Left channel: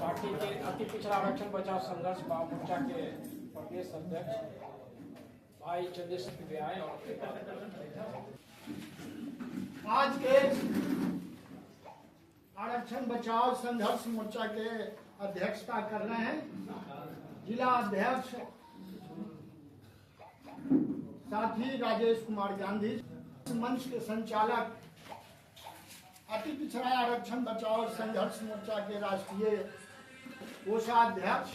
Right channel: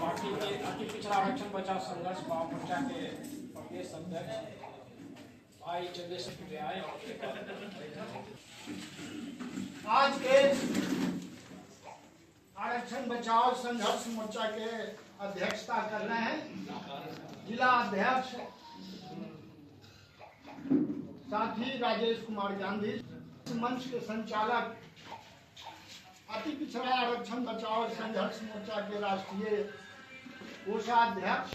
Party के अति पिछड़ा आरक्षण बचाव संघर्ष मोर्चा के प्रदेश अध्यक्ष भाई चंद्रशेखर व्याय आज के आरक्षण बचाव संघर्ष मोर्चा के अध्यक्षता कर रहे हैं जिला अध्यक्ष साथी राजेश कुमार गांधी, मंच के संचालक अति पिछड़ा आरक्षण बचाव संघर्ष मोर्चा के राष्ट्रीय कोषाध्यक्ष,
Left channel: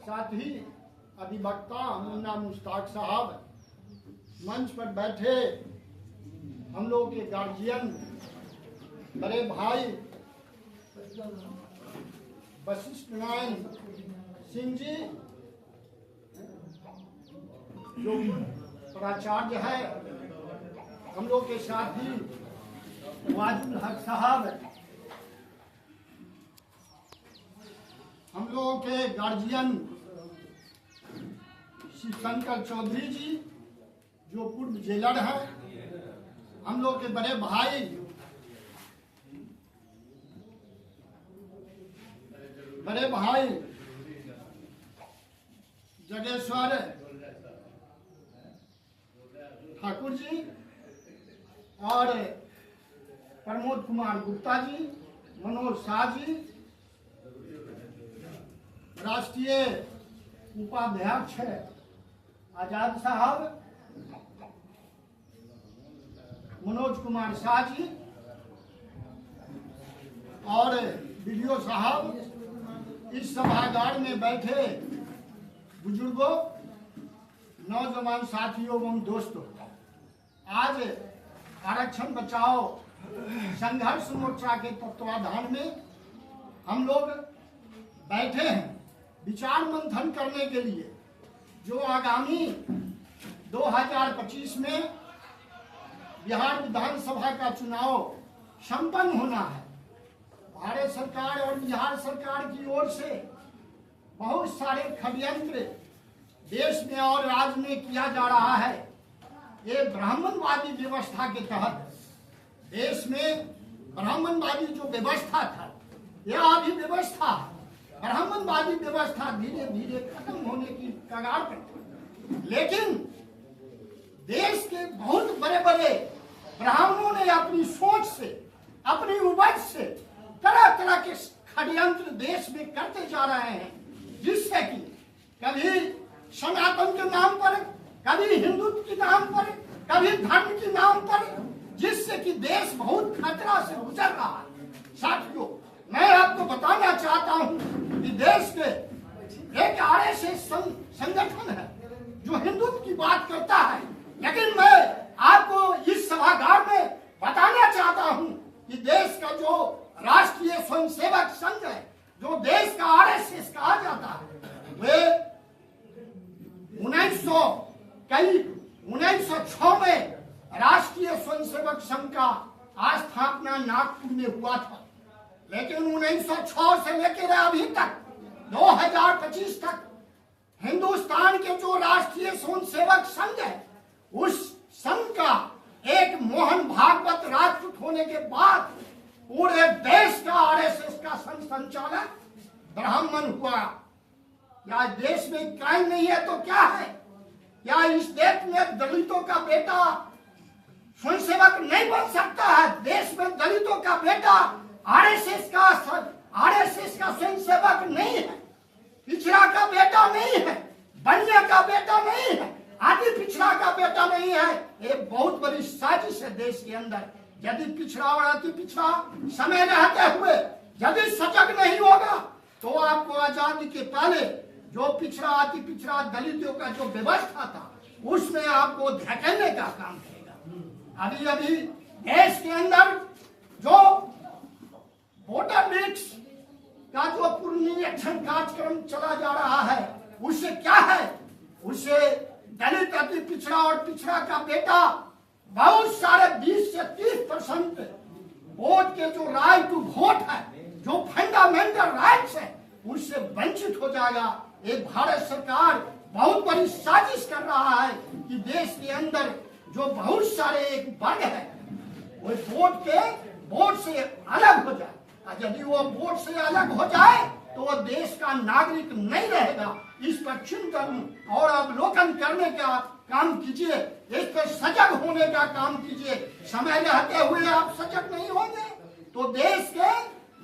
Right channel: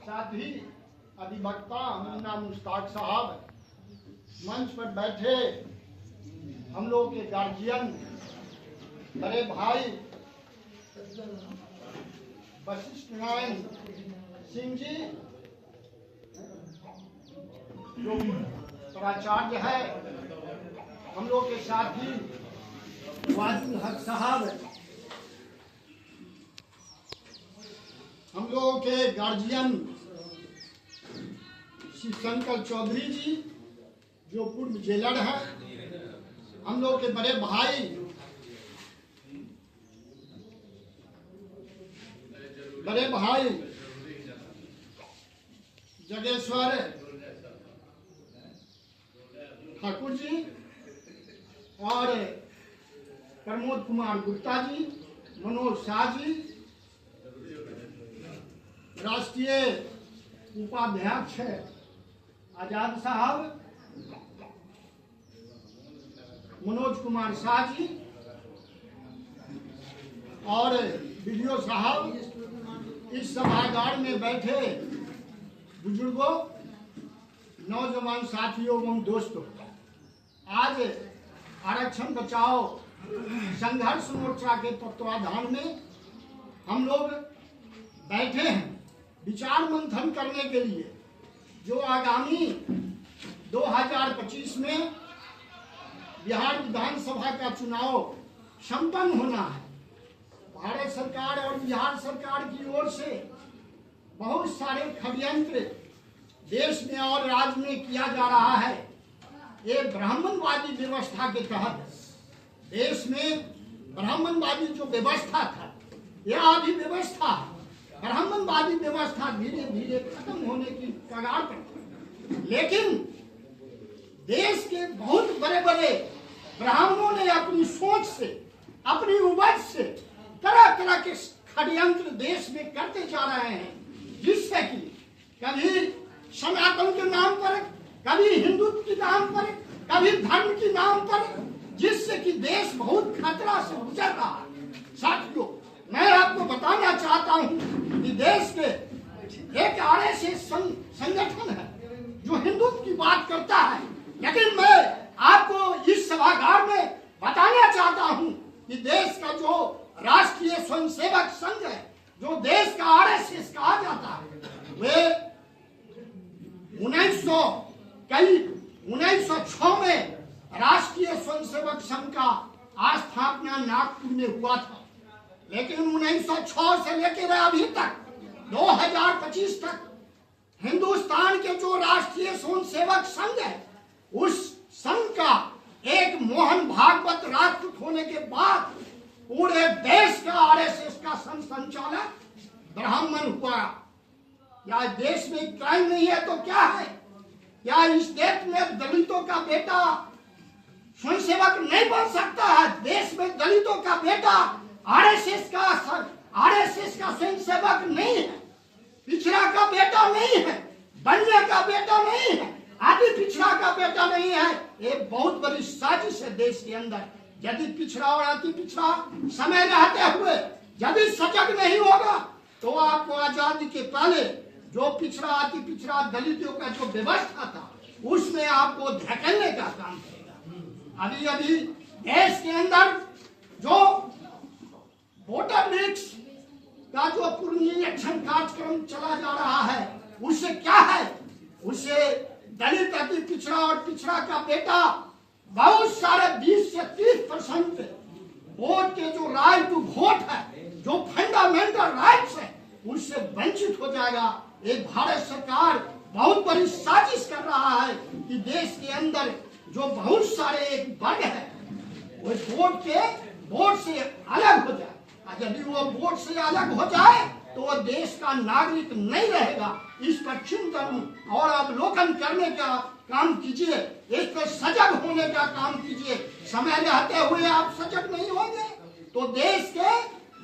साथ ही अधिवक्ता मुन्ना मुश्ताक साहब, मंच पर बैठे हम लोग के गार्जियन, बड़े भाई वशिष्ठ नारायण सिंह जी, जो प्राचार्य है, हम लोग के साथी वाजुल हक साहब, हम लोगों के गार्जियन श्री शंकर चौधरी जी जो पूर्व जेलर हैं, हम लोग के बड़े भाई जगेश्वर ठाकुर जी और प्रमोद कुमार गुप्ता जी, मनोज शाह जी, राष्ट्रीय उपाध्यक्ष आजाद साहब, मनोज कुमार शाह जी और बीडीओ साहब, इस सभागार में बैठे बुजुर्गों, नौजवान साथियों एवं दोस्तों, आज आरक्षण बचाओ संघर्ष मोर्चा के तत्वाधान में हम लोग बैठे हैं विचार मंथन करने के लिए, जो आगामी 2025 में बिहार विधानसभा का चुनाव संपन्न होना है। भारत सरकार और बिहार सरकार की ओर से बहुत सारे षड्यंत्र देश में और राज्य में किया जा रहा है। ये ब्राह्मणवादी व्यवस्था के तहत देश में ब्राह्मणवादी जो व्यवस्था था, यह अभी व्यवस्था, ब्राह्मणवादी व्यवस्था धीरे धीरे खत्म होने की कगार पर थी। लेकिन देश के बहुत बड़े बड़े ब्राह्मणों ने अपनी सोच से, अपनी उपज से तरह तरह के षड्यंत्र देश में करते जा रहे हैं, जिससे कि कभी सनातन के नाम पर, कभी हिंदुत्व के नाम पर, कभी धर्म के नाम पर, जिससे कि देश बहुत खतरा से गुजर रहा है। साथियों, मैं आपको बताना चाहता हूं कि देश के एक आरएसएस संगठन है जो हिंदुत्व की बात करता है, लेकिन मैं आपको इस सभागार में बताना चाहता हूं कि देश का जो राष्ट्रीय स्वयंसेवक संघ है, जो देश का आरएसएस कहा जाता है, वे 1906 में राष्ट्रीय स्वयंसेवक संघ का स्थापना नागपुर में हुआ था। लेकिन 1906 से लेकर अभी तक 2025 तक हिंदुस्तान के जो राष्ट्रीय स्वयंसेवक संघ है, उस संघ का एक मोहन भागवत राष्ट्रपति होने के बाद पूरे देश का आरएसएस का संचालक ब्राह्मण हुआ। क्या देश में क्राइम नहीं है तो क्या है? क्या इस देश में दलितों का बेटा स्वयंसेवक नहीं बन सकता है? देश में दलितों का बेटा आरएसएस का स्वयंसेवक नहीं है, पिछड़ा का बेटा नहीं है, बनिया का बेटा नहीं है, आदि पिछड़ा का बेटा नहीं है। ये बहुत बड़ी साजिश है देश के अंदर। यदि पिछड़ा और अति पिछड़ा समय रहते हुए यदि सजग नहीं होगा तो आपको आजादी के पहले जो पिछड़ा अति पिछड़ा दलितों का जो व्यवस्था था, उसमें आपको धकेलने का काम करेगा। अभी अभी देश के अंदर जो वोटर लिस्ट का जो पुनरीक्षण कार्यक्रम चला जा रहा है, उससे क्या है? उससे दलित अति पिछड़ा और पिछड़ा का बेटा बहुत सारे 20 से 30% वोट के जो राइट टू वोट है, जो फंडामेंटल राइट्स है, उससे वंचित हो जाएगा। ये भारत सरकार बहुत बड़ी साजिश कर रहा है कि देश के अंदर जो बहुत सारे एक वर्ग है वो वोट से अलग हो जाए और यदि वो वोट से अलग हो जाए तो वो देश का नागरिक नहीं रहेगा। इस पर चिंतन और अवलोकन करने का काम कीजिए, इस पर सजग होने का काम कीजिए। समय रहते हुए आप सजग नहीं होंगे तो देश के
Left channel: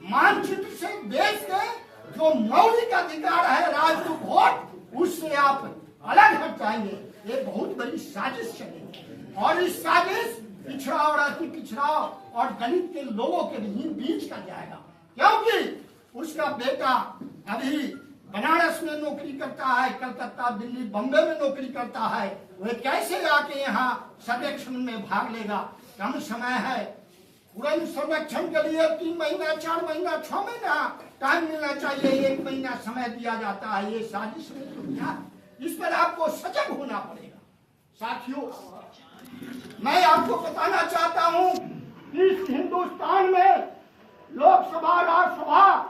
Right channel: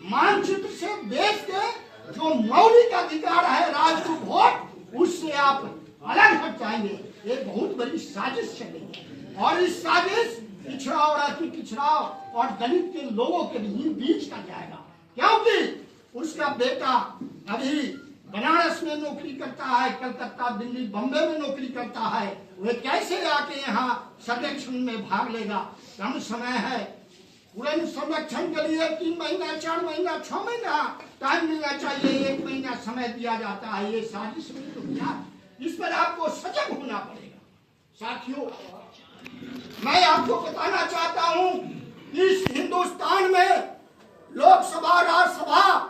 मानचित्र से, देश के जो मौलिक अधिकार है राष्ट्र वोट, उससे आप अलग हट जाएंगे। ये बहुत बड़ी साजिश चलेगी और इस साजिश पिछड़ा और अति पिछड़ा और दलित के लोगों के बीच का जाएगा, क्योंकि उसका बेटा अभी बनारस में नौकरी करता है, कलकत्ता, दिल्ली, बम्बे में नौकरी करता है। वह कैसे आके यहाँ सर्वेक्षण में भाग लेगा? कम समय है, पूरे सर्वेक्षण के लिए 3 महीना, 4 महीना, 6 महीना टाइम मिलना चाहिए, 1 महीना समय दिया जाता है। ये साजिश में तो क्या, इस पर आपको सजग होना पड़ेगा। साथियों, मैं आपको बताना चाहता हूं, इस हिंदुस्तान में लोकसभा, राज्यसभा,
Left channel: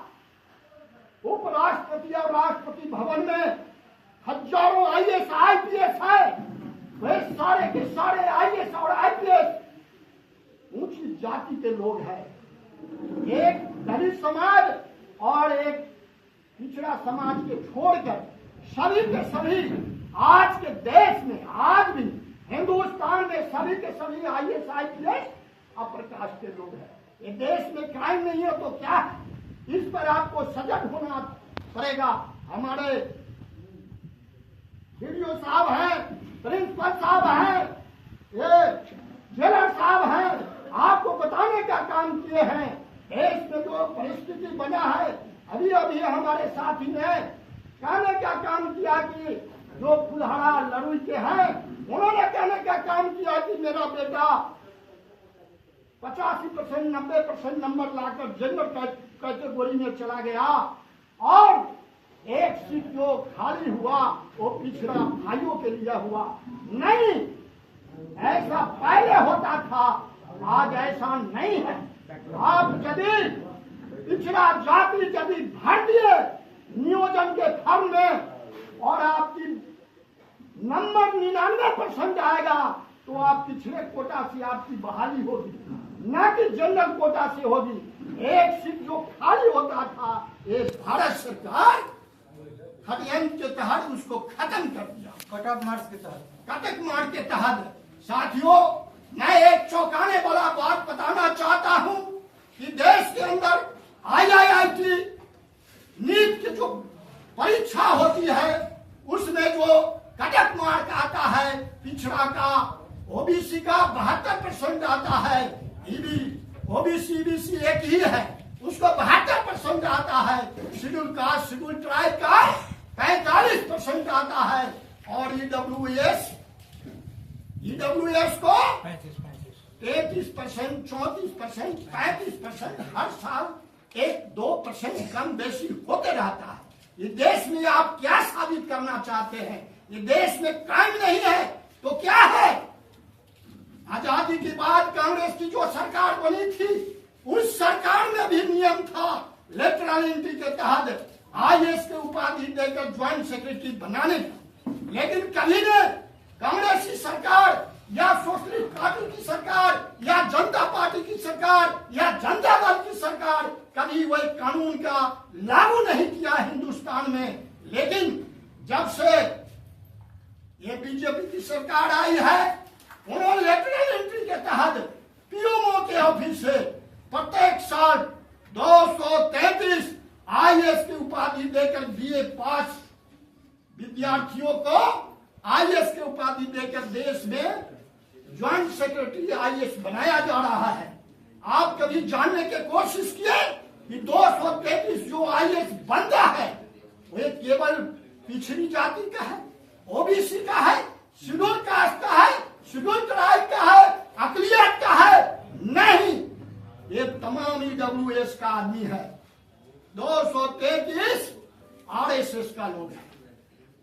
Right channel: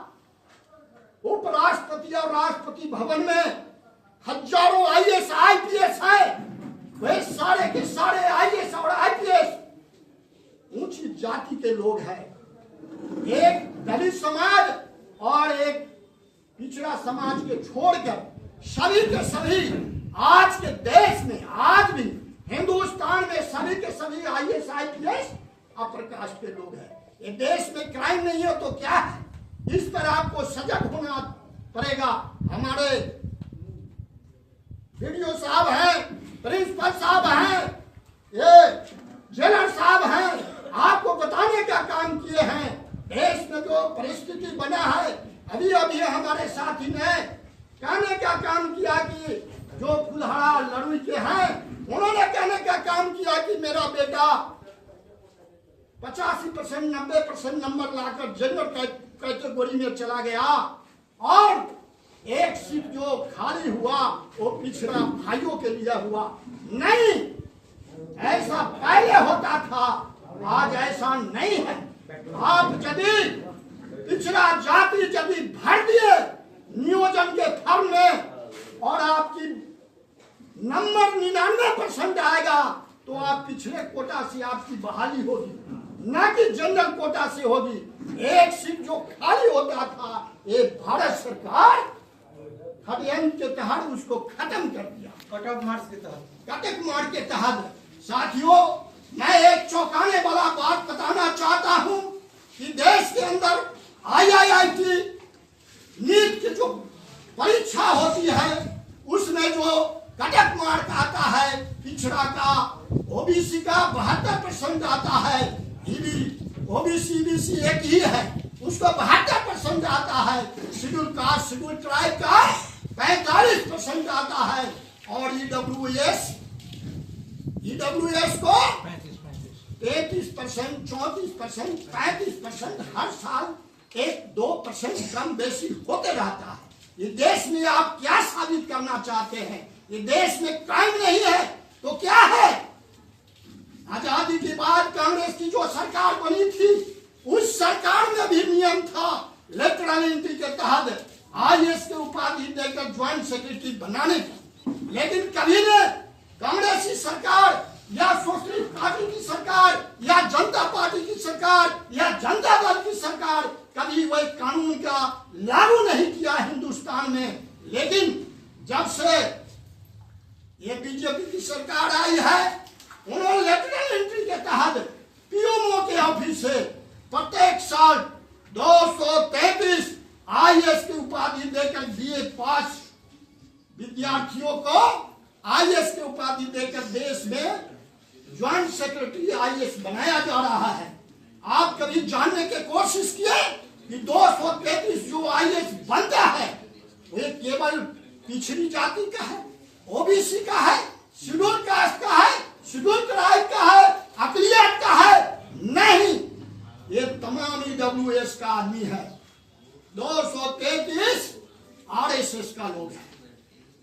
उपराष्ट्रपति और राष्ट्रपति भवन में हजारों आईएएस, आईपीएस है। वे सारे के सारे आईएएस और आईपीएस ऊंची जाति के लोग हैं। एक दलित समाज और एक पिछड़ा समाज के छोड़कर सभी के सभी आज के देश में, आज भी हिंदुस्तान में सभी के सभी आईएएस, आईपीएस अपर कास्ट के लोग हैं। ये देश में क्राइम नहीं हो तो क्या है? इस पर आपको सजग होना पड़ेगा। हमारे वीडियो साहब हैं, प्रिंसिपल साहब हैं, ये जेलर साहब हैं, आपको बताने का काम किए हैं। देश में जो परिस्थिति बना है, अभी अभी हमारे साथी ने कहने का काम किया कि जो कुल्हाड़ा लड़ुई के हैं, उन्होंने कहने का काम किया कि मेरा बेटा 85%, 90% नंबर लाकर जनरल कैटेगरी में चला गया और एक सीट जो खाली हुआ वो पिछड़ा भाइयों के लिए हुआ। नहीं, ऐसा पहले होता था, आज ऐसा नहीं है। आप यदि पिछड़ा जाति यदि भर दिए नियोजन के फॉर्म में और आपकी नंबर 99% आएगा तो आप पिछड़े कोटा से आपकी बहाली होगी, न कि जनरल कोटा से होगी। एक सीट जो खाली होता था, ये भारत सरकार 38 के तहत उसको खत्म कर दिया, कटऑफ मार्क्स के तहत, कटक मार्क के तहत। साथियों, मैं एक चौंकाने वाला बात बताना चाहता हूं कि देश के अंदर आईआईटी नीट की जो परीक्षा होती है उसमें जो कटक मार्क आता है, पिछड़ा का, ओबीसी का 72% आता है, ओबीसी ईबीसी एक ही है, उसको 72% आता है, शेड्यूल कास्ट, शेड्यूल ट्राइब का 45% आता है और ईडब्ल्यूएस को 33%, 34%, 35% हर साल 1-2% कम बेसी होते रहता है। ये देश में आप क्या साबित करना चाहते हैं? ये देश में क्राइम नहीं है तो क्या है? आजादी के बाद कांग्रेस की जो सरकार बनी थी, उस सरकार में भी नियम था लेटरल एंट्री के तहत आईएएस के उपाधि देकर ज्वाइंट सेक्रेटरी बनाने का। लेकिन कभी ने कांग्रेसी सरकार या सोशलिस्ट पार्टी की सरकार या जनता पार्टी की सरकार या जनता दल की सरकार कभी वही कानून का लागू नहीं किया हिंदुस्तान में। लेकिन जब से ये बीजेपी की सरकार आई है, उन्होंने लेटरल एंट्री के तहत पीएमओ के ऑफिस से प्रत्येक साल 233 आईएएस की उपाधि देकर बीए पास विद्यार्थियों को आईएएस की उपाधि देकर देश में ज्वाइंट सेक्रेटरी आईएएस बनाया जा रहा है। आप कभी जानने की कोशिश किए कि 233 जो आईएएस बनता है वो केवल पिछड़ी जाति का है, ओबीसी का है, शेड्यूल कास्ट का है, शेड्यूल ट्राइब का है, अकलियत का है? नहीं, ये तमाम ईडब्ल्यूएस का आदमी है। 233 आरएसएस का लोग है।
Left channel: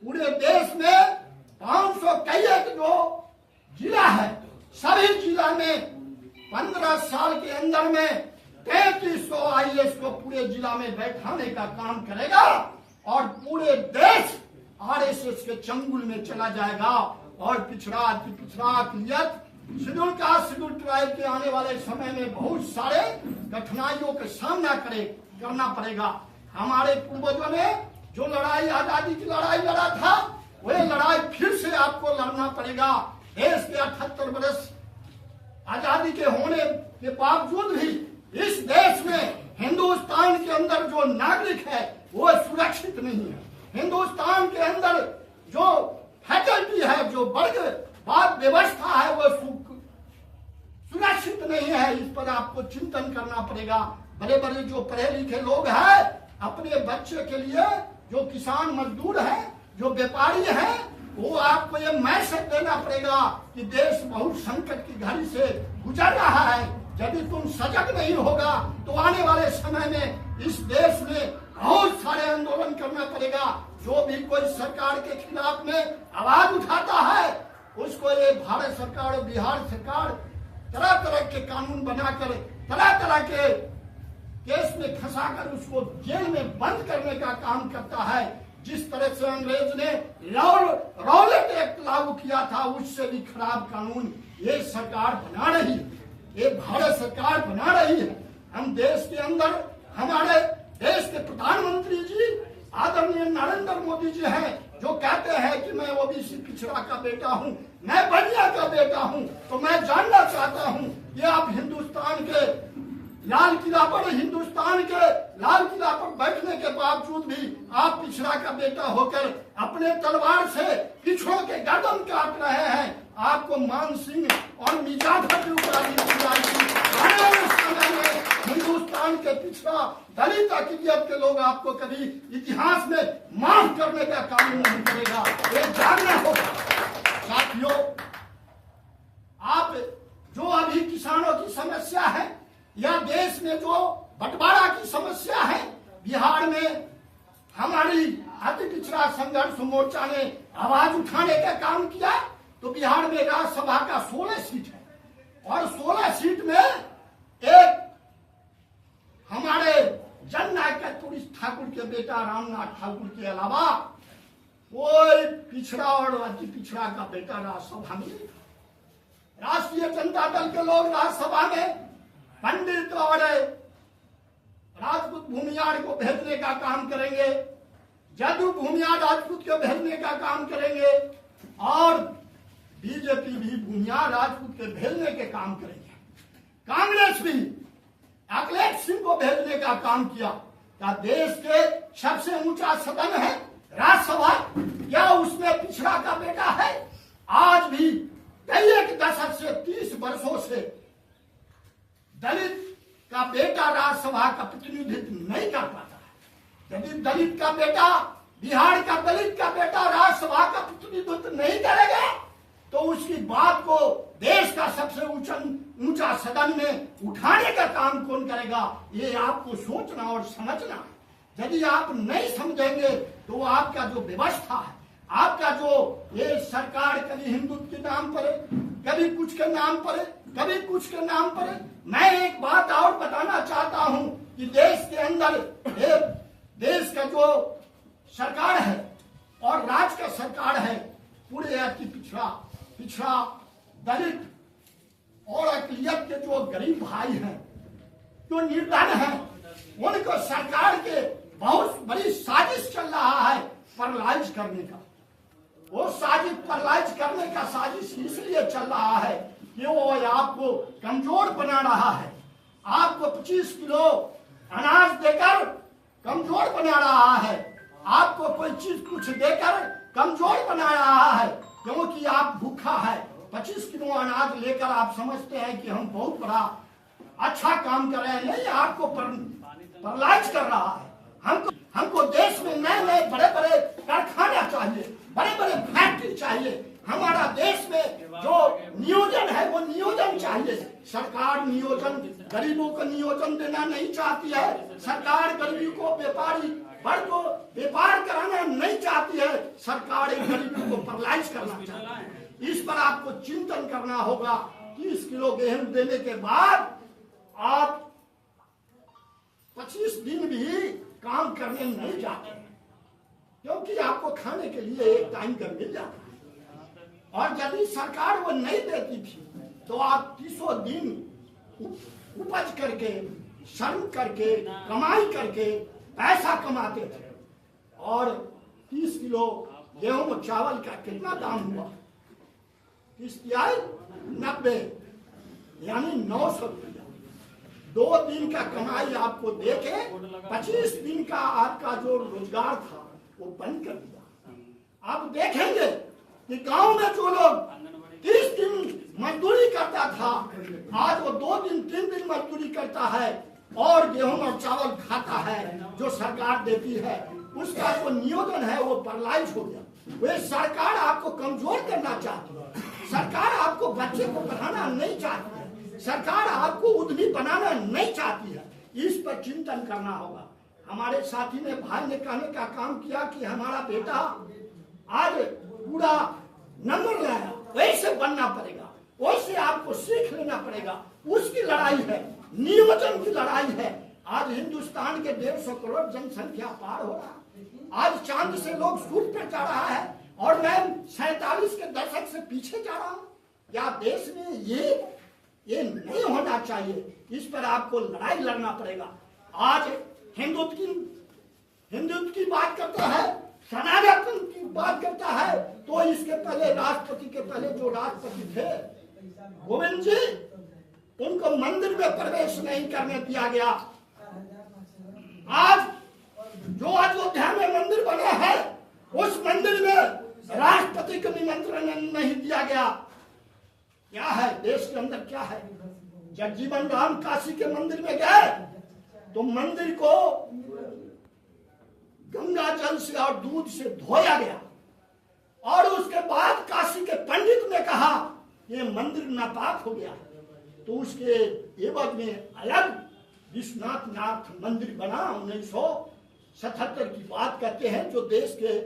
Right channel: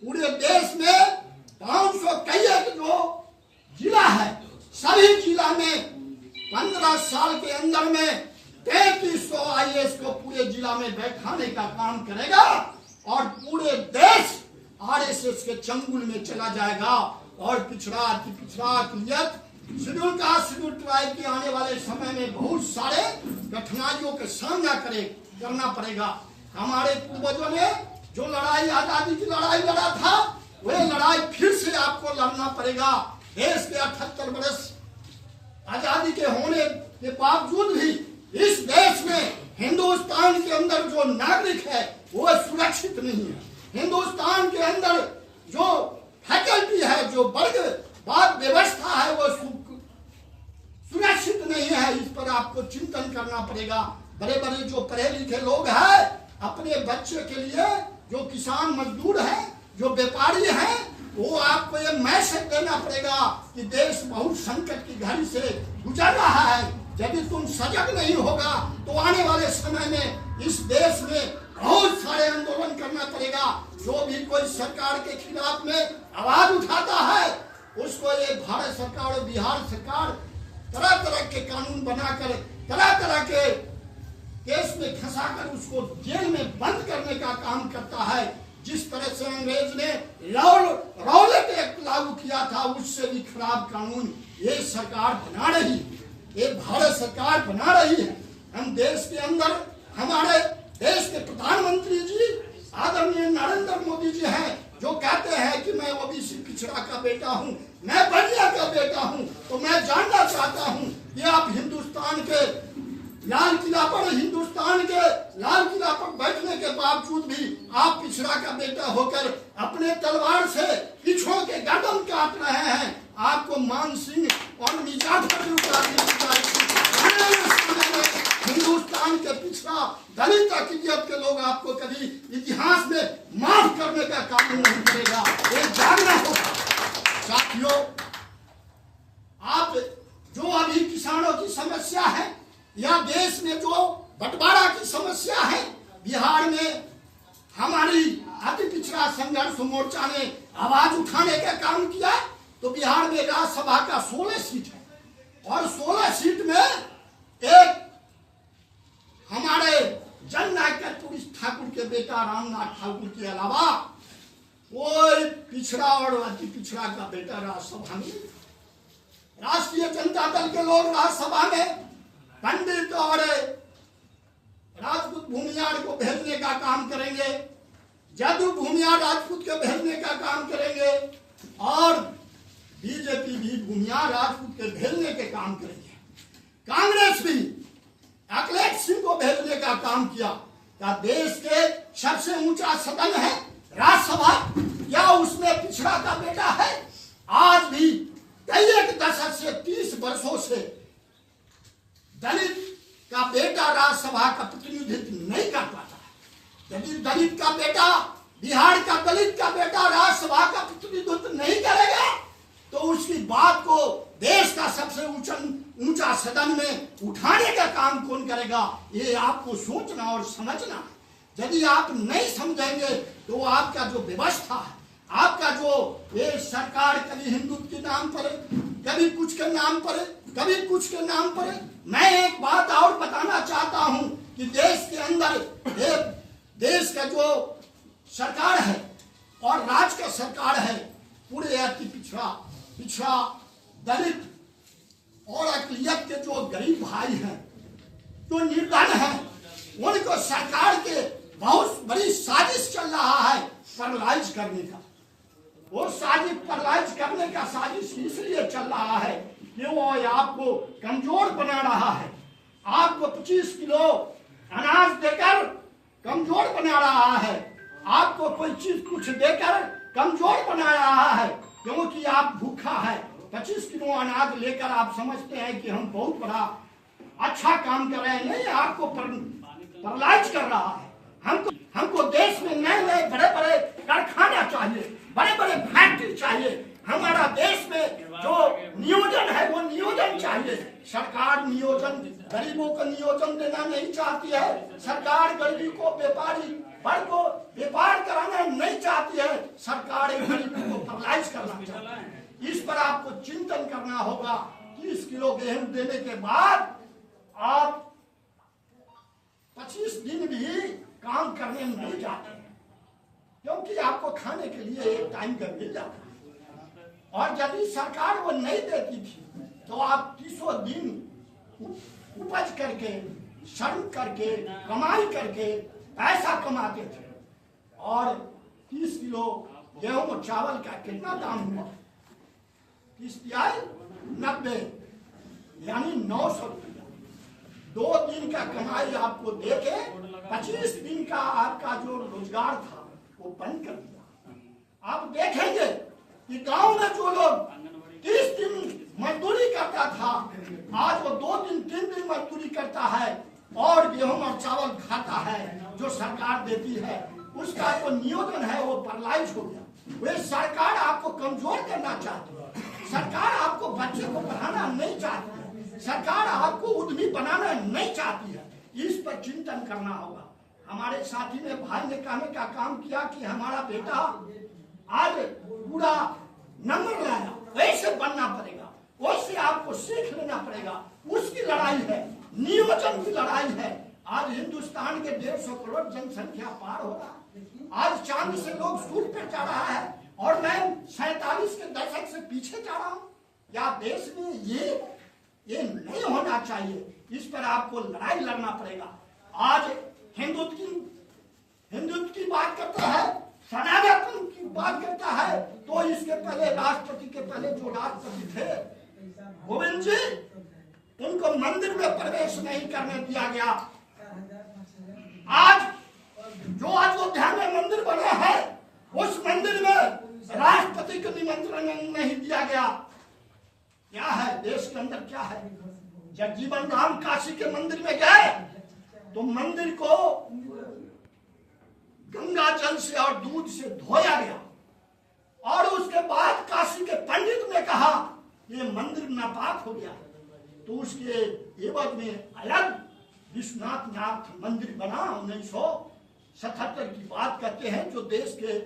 पूरे देश में 500 कई जो जिला है, सभी जिला में 15 साल के अंदर में 3300 आईएएस को पूरे जिला में बैठाने का काम करेगा और पूरे देश आरएसएस के चंगुल में चला जाएगा और पिछड़ा अति पिछड़ा अकलियत शेड्यूल कास्ट शेड्यूल ट्राइब के आने वाले समय में बहुत सारे कठिनाइयों का सामना करना पड़ेगा। हमारे पूर्वजों ने जो लड़ाई, आजादी की लड़ाई लड़ा था, वह लड़ाई फिर से आपको लड़ना पड़ेगा। देश के 78 वर्ष आजादी के होने के बावजूद भी इस देश में हिंदुस्तान के अंदर जो नागरिक है वो सुरक्षित नहीं है। हिंदुस्तान के अंदर जो फैकल्टी है, जो वर्गवाद व्यवस्था है, वो सुरक्षित नहीं है। इस पर आपको चिंतन करना पड़ेगा। बड़े बड़े जो पढ़े लिखे लोग हैं, अपने बच्चे के लिए जो किसान मजदूर हैं, जो व्यापारी हैं, वो आपको ये मैसेज देना पड़ेगा कि देश बहुत संकट की घड़ी से गुजर रहा है। यदि तुम सजग नहीं होगा तो आने वाले समय में इस देश में बहुत सारे आंदोलन करना पड़ेगा। जो भी कोई सरकार के खिलाफ में आवाज उठाता है, उसको ये भारत सरकार और बिहार सरकार तरह तरह के कानून बनाकर, तरह तरह के केस में फंसाकर उसको जेल में बंद करने का काम करता है। जिस तरह से अंग्रेज ने रॉलेट एक्ट लागू किया था, उससे भी खराब कानून ये सरकार बना रही है, ये भारत सरकार बना रही है। हम देश के अंदर, हमारे देश के प्रधानमंत्री जी आदरणीय नरेंद्र मोदी जी हैं, जो कहते हैं कि मैं ओबीसी पिछड़ा का बेटा हूं, मैं बनिया का बेटा हूं। तो मैं जानना चाहता हूं कि आप हिंदुस्तान के लाल किला पर बैठने के बावजूद भी आप पिछड़ा का बेटा होकर अपने तलवार से पिछड़ों के गर्दन काट रहे हैं। आपको मान सिंह और मिर्जाफर की उपाधि दी जाएगी। हिंदुस्तान के पिछड़ा दलित अक़लियत के लोग आपको कभी इतिहास में माफ करने का काम नहीं करेगा। ये जानना होगा। साथियों, आप जो अभी किसानों की समस्या है या देश में जो बंटवारा की समस्या है, बिहार में हमारी अति पिछड़ा संघर्ष मोर्चा ने आवाज उठाने का काम किया। तो बिहार में राज्यसभा का 16 सीट है और 16 सीट में एक हमारे जननायक कर्पूरी ठाकुर के बेटा रामनाथ ठाकुर के अलावा कोई पिछड़ा और अति पिछड़ा का बेटा राज्यसभा में। राष्ट्रीय जनता दल के लोग राज्यसभा में पंडित और राजपूत भूमियार को भेजने का काम करेंगे, जदयू भूमियार राजपूत को भेजने का काम करेंगे और बीजेपी भी भूमियार राजपूत के भेजने के काम करेंगे। कांग्रेस भी अखिलेश सिंह को भेजने का काम किया। क्या देश के सबसे ऊंचा सदन है राज्यसभा, क्या उसमें पिछड़ा का बेटा है? आज भी कई एक दशक से 30 वर्षों से दलित का बेटा राज्यसभा का प्रतिनिधित्व नहीं कर पाता है। यदि दलित का बेटा, बिहार का दलित का बेटा राज्यसभा का प्रतिनिधित्व नहीं करेगा तो उसकी बात को देश का सबसे ऊंचा सदन में उठाने का काम कौन करेगा? ये आपको सोचना और समझना है। यदि आप नहीं समझेंगे तो आपका जो व्यवस्था है, आपका जो ये सरकार कभी हिंदुत्व के नाम पर, कभी कुछ के नाम पर, कभी कुछ के नाम पर। मैं एक बात और बताना चाहता हूं कि देश के अंदर देश का जो सरकार है और राज्य का सरकार है, पूरे अति पिछड़ा दलित और अक़लियत के जो गरीब भाई हैं, जो निर्धन हैं, उनको सरकार के बहुत बड़ी साजिश चल रहा है पैरालाइज करने का। वो साजिश पैरालाइज करने का साजिश इसलिए चल रहा है कि वो आपको कमजोर बना रहा है, आपको 25 किलो अनाज देकर कमजोर बना रहा है, आपको कोई चीज कुछ देकर कमजोर बना रहा है, क्योंकि आप भूखा है। 25 किलो अनाज लेकर आप समझते हैं कि हम बहुत बड़ा अच्छा काम कर रहे हैं। नहीं, आपको पैरालाइज कर रहा है। हमको देश में नए नए बड़े बड़े कारखाना चाहिए, बड़े बड़े फैक्ट्री चाहिए। हमारा देश में जो नियोजन है वो नियोजन चाहिए। सरकार नियोजन, गरीबों को नियोजन देना नहीं चाहती है। सरकार गरीबी को, व्यापारी वर्ग को व्यापार कराना नहीं चाहती है। सरकार गरीबी को पैरालाइज करना चाहती है। इस पर आपको चिंतन करना होगा। 30 किलो गेहूं देने के बाद आप 25 दिन भी काम करने नहीं जाते, क्योंकि आपको खाने के लिए एक टाइम का मिल जाता है। और यदि सरकार वो नहीं देती थी तो आप 30 दिन उपज करके, श्रम करके, कमाई करके पैसा कमाते थे। और 30 किलो गेहूं और चावल का कितना दाम हुआ? 30 तिहाई 90, यानी 900 रुपया। 2 दिन का कमाई आपको देके 25 दिन का आपका जो रोजगार था वो बंद कर दिया। आप देखेंगे कि गांव में जो लोग 30 दिन मजदूरी करता था, आज वो 2 दिन 3 दिन मजदूरी करता है और गेहूं और चावल खाता है जो सरकार देती है। उसका जो नियोजन है वो पैरालाइज हो गया। वे सरकार आपको कमजोर करना चाहती है, सरकार आपको बच्चे को पढ़ाना नहीं चाहती है, सरकार आपको उद्यमी बनाना नहीं चाहती है। इस पर चिंतन करना होगा। हमारे साथी ने, भाई ने कहने का काम किया कि हमारा बेटा आज पूरा नंबर लाया, वैसे बनना पड़ेगा, वैसे आपको सीख लेना पड़ेगा। उसकी लड़ाई है, नियोजन की लड़ाई है। आज हिंदुस्तान के 150 करोड़ जनसंख्या पार हो रहा है। आज चांद से लोग सूर्य पर जा रहा है और मैं 47 के दशक से पीछे जा रहा हूं। या देश में ये नहीं होना चाहिए। इस पर आपको लड़ाई लड़ना पड़ेगा। आज हिंदुत्व की बात करता है, सनातन की बात करता है, तो इसके पहले राष्ट्रपति के पहले जो राष्ट्रपति थे गोविंद जी, उनको मंदिर में प्रवेश नहीं करने दिया गया। आज जो अयोध्या में मंदिर बना है, उस मंदिर में राष्ट्रपति को निमंत्रण नहीं दिया गया। क्या है देश के अंदर, क्या है? जगजीवन राम काशी के मंदिर में गए तो मंदिर को गंगा जल से और दूध से धोया गया और उसके बाद काशी के पंडित ने कहा ये मंदिर नापाक हो गया, तो उसके एवज में अलग विश्वनाथ नाथ मंदिर बना। 1977 की बात करते हैं, जो देश के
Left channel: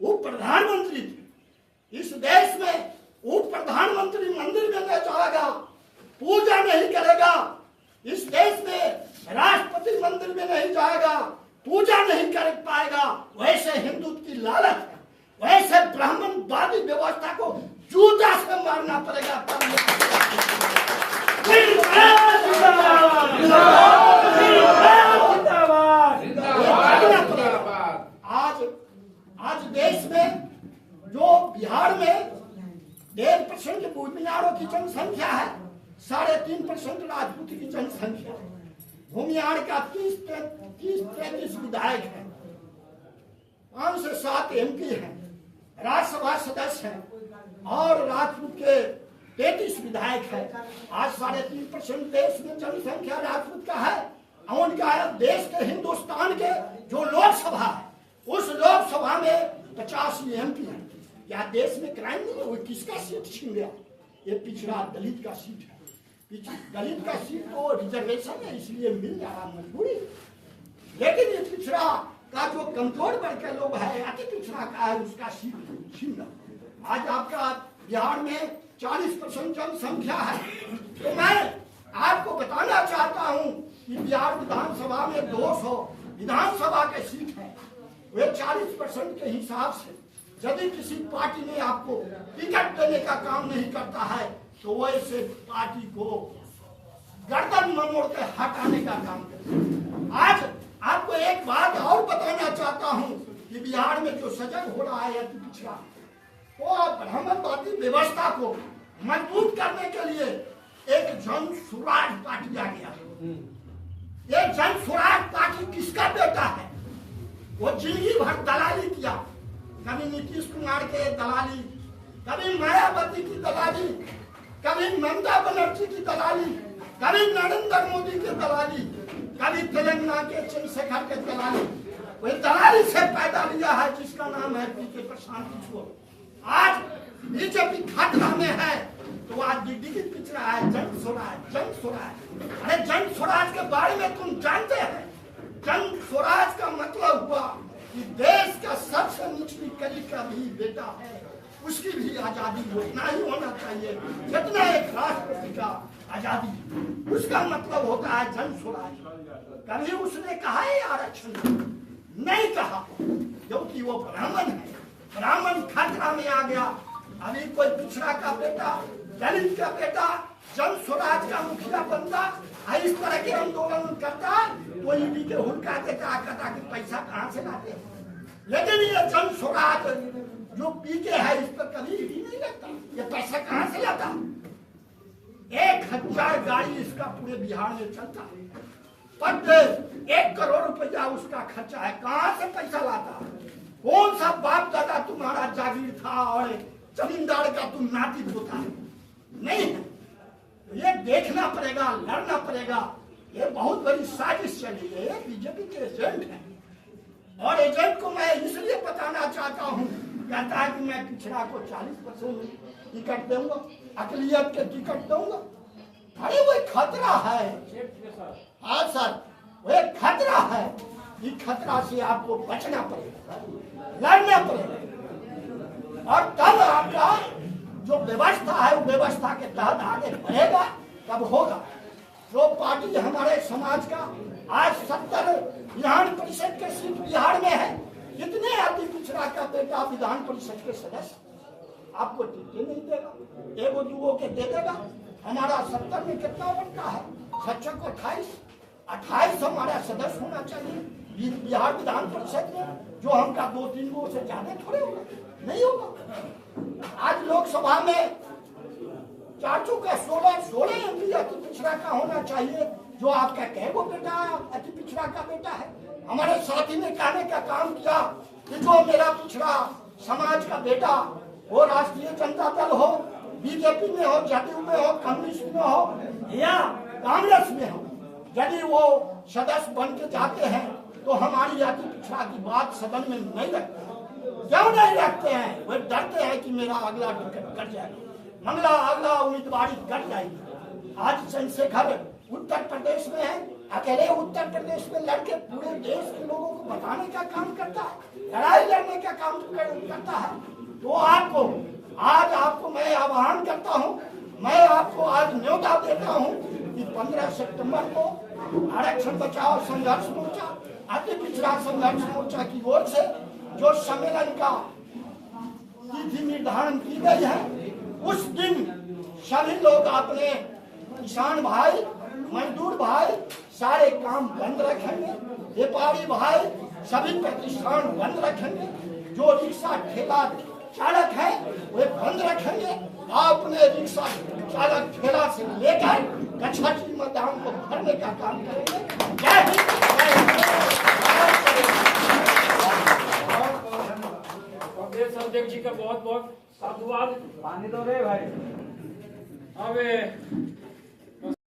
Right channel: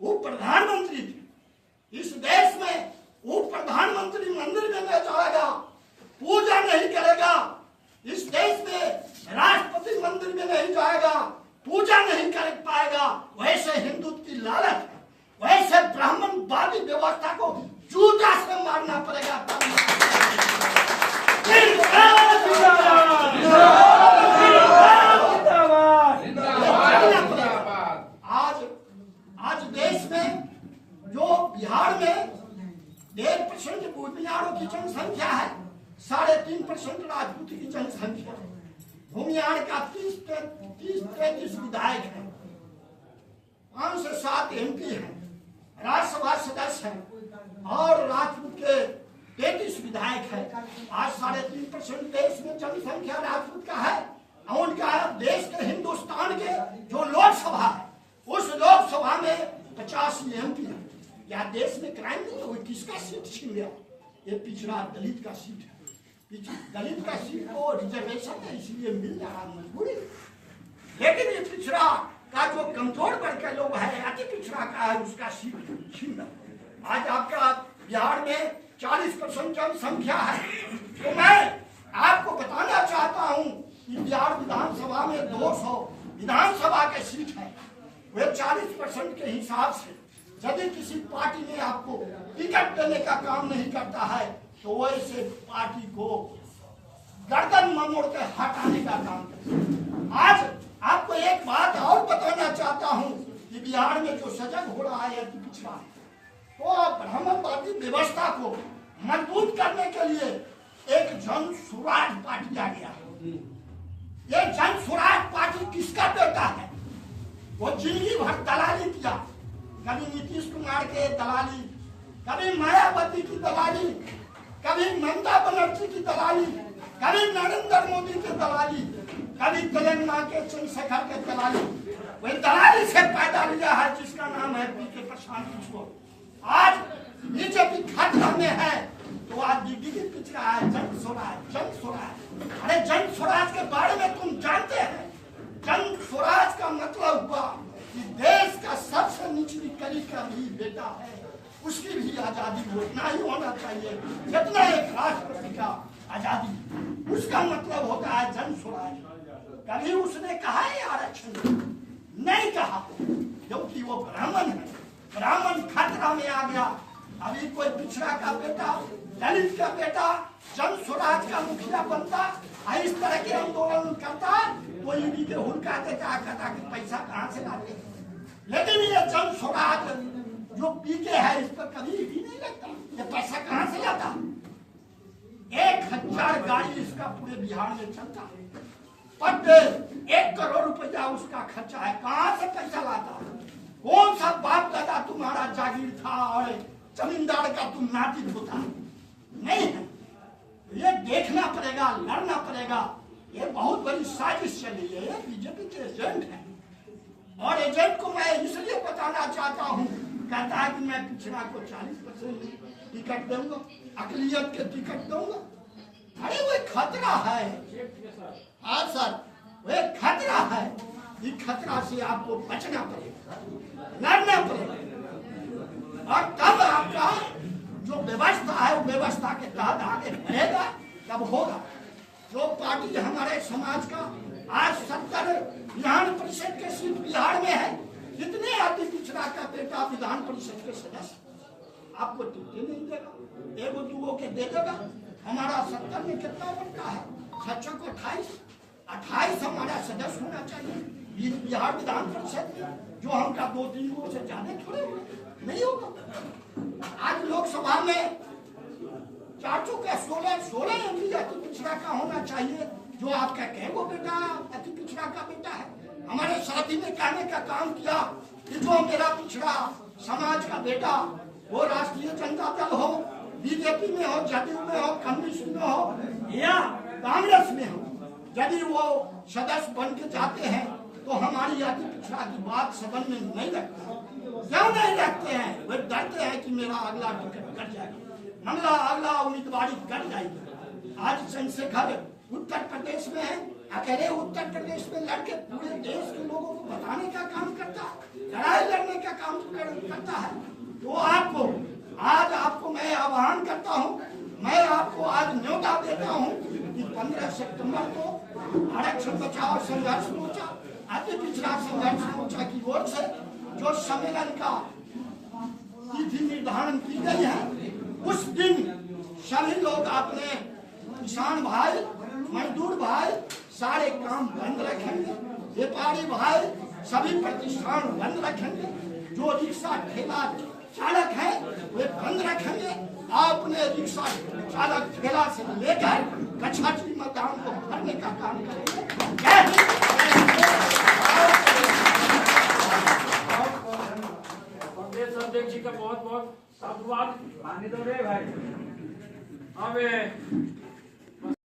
उप प्रधानमंत्री थे। इस देश में उप प्रधानमंत्री मंदिर में नहीं जाएगा, पूजा नहीं करेगा। इस देश में राष्ट्रपति मंदिर में नहीं जाएगा, पूजा नहीं कर पाएगा। वैसे हिंदुत्व की लालच है, वैसे ब्राह्मणवादी व्यवस्था को जूता से मारना पड़ेगा। आज देश में जो बिहार में 1.5% भूमियारों की जनसंख्या है, 3.5% राजपूत की जनसंख्या। भूमियार का 30-33 विधायक है, 5 से 7 MP हैं, राज्यसभा सदस्य हैं और राजपूत के 33 विधायक है। आज 3.5% देश में जनसंख्या राजपूत का है। उनका देश के हिंदुस्तान के जो लोकसभा है, उस लोकसभा में 50 MP है। क्या देश में क्राइम नहीं है? वो किसका सीट छीन गया? ये पिछड़ा दलित का सीट है। दलित का सीट तो रिजर्वेशन है, इसलिए मिल रहा मजबूरी। लेकिन ये पिछड़ा का जो कमजोर वर्ग का लोग है, अति पिछड़ा का है, उसका सीट छीन रहा। आज आपका बिहार में 40% जनसंख्या है, तो मैं आपको बताना चाहता हूं कि बिहार विधानसभा में 200 विधानसभा के सीट है। वे 40% के हिसाब से यदि किसी पार्टी ने आपको टिकट देने का काम नहीं करता है, तो वैसे पार्टी को गर्दन मोड़ के हटाने का काम करता है। आज आपको एक बात और बताना चाहता हूं कि बिहार में जो सजग हो रहा है अति पिछड़ा, तो ब्राह्मणवादी व्यवस्था को मजबूत करने के लिए एक जन स्वराज पार्टी आ गया। ये जन स्वराज पार्टी किसका बेटा है? वो जिंदगी भर दलाली किया, कभी नीतीश कुमार के दलाली, कभी मायावती की दलाली, कभी ममता बनर्जी की दलाली, कभी नरेंद्र मोदी की दलाली, कभी तेलंगाना के चंद्रशेखर के दलाली। वही दलाली से पैदा लिया है जिसका नाम है पीके प्रशांत किशोर। आज बीजेपी खतरा में है, तो आज दिग्विजय पिछड़ा है, जन स्वराज, जन स्वराज। अरे जन स्वराज के बारे में तुम जानते हैं? जन स्वराज का मतलब हुआ कि देश का सबसे निचली कली का भी बेटा है, उसकी भी आजादी उतना ही होना चाहिए जितना एक राष्ट्रपति का आजादी। उसका मतलब होता है जन स्वराज। कभी उसने कहा है आरक्षण? नहीं कहा, क्योंकि वो ब्राह्मण है। ब्राह्मण खतरा में आ गया। अभी कोई पिछड़ा का बेटा, दलित का बेटा जन स्वराज का मुखिया बनता, इस तरह के आंदोलन करता तो ईडी के हुड़का देता, कहता कि पैसा कहाँ से लाते। लेकिन ये जन स्वराज जो पीके है, इस पर कभी ईडी नहीं लगता। ये पैसा कहाँ से लाता? 1000 गाड़ी इसका पूरे बिहार में चलता, पर डे 1 करोड़ रुपया उसका खर्चा है। कहाँ से पैसा लाता? कौन सा बाप दादा तुम्हारा जागीर था और जमींदार का तुम नाती होता? नहीं है। ये देखना पड़ेगा, लड़ना पड़ेगा। ये बहुत बड़ी साजिश चली है, ये बीजेपी के एजेंट है। और एजेंट को मैं इसलिए बताना चाहता हूँ, कहता है कि मैं पिछड़ा को 40% टिकट दूंगा, अकलियत के टिकट दूंगा। अरे वो खतरा है। हाँ सर, वो खतरा है। इस खतरा से आपको बचना पड़ेगा, लड़ना पड़ेगा, और तब आपका जो व्यवस्था है वो व्यवस्था के तहत आगे बढ़ेगा, तब होगा। जो पार्टी हमारे समाज का आज 70 विधान परिषद के सीट बिहार में है, जितने अति पिछड़ा का बेटा विधान परिषद के सदस्य, आपको टिकट नहीं देगा, एगो दुगो के दे देगा। हमारा 70 में कितना बनता है? 28 हमारा सदस्य होना चाहिए बिहार विधान परिषद में, जो हमका 2-3 गो से ज्यादा थोड़े होगा, नहीं होगा। आज लोकसभा में 416 एमपी अति पिछड़ा का होना चाहिए, जो आपका कैगो बेटा अति पिछड़ा का बेटा है। हमारे साथी ने कहने का काम किया कि जो मेरा पिछड़ा समाज का बेटा, वो राष्ट्रीय जनता दल हो, बीजेपी में हो, जदयू में हो, कम्युनिस्ट में हो या कांग्रेस में हो, यदि वो सदस्य बन के जाते हैं तो हमारी अति पिछड़ा की बात सदन में नहीं रखते। क्यों नहीं रखते हैं? वो डरते हैं कि मेरा अगला टिकट कट जाएगा, मंगला अगला उम्मीदवारी कट जाएगी। आज चंद्रशेखर उत्तर प्रदेश में है, अकेले उत्तर प्रदेश में लड़के पूरे देश के लोगों को बताने का काम करता है, लड़ाई लड़ने का काम करता है। तो आपको मैं आह्वान करता हूँ, मैं आपको आज न्योता देता हूँ कि 15 सितंबर को आरक्षण बचाओ संघर्ष मोर्चा, अति पिछड़ा संघर्ष मोर्चा की ओर से जो सम्मेलन का तिथि निर्धारण की गई है, उस दिन सभी लोग अपने किसान भाई, मजदूर भाई सारे काम बंद रखेंगे, व्यापारी भाई सभी प्रतिष्ठान बंद रखेंगे, जो रिक्शा ठेला चालक है वे बंद रखेंगे। अपने रिक्शा चालक ठेला से लेकर कछाटी मैदान को भरने का काम करेंगे। जय हिंद। संदेश जी का बहुत बहुत साधुवाद। पानी दो रे भाई। अब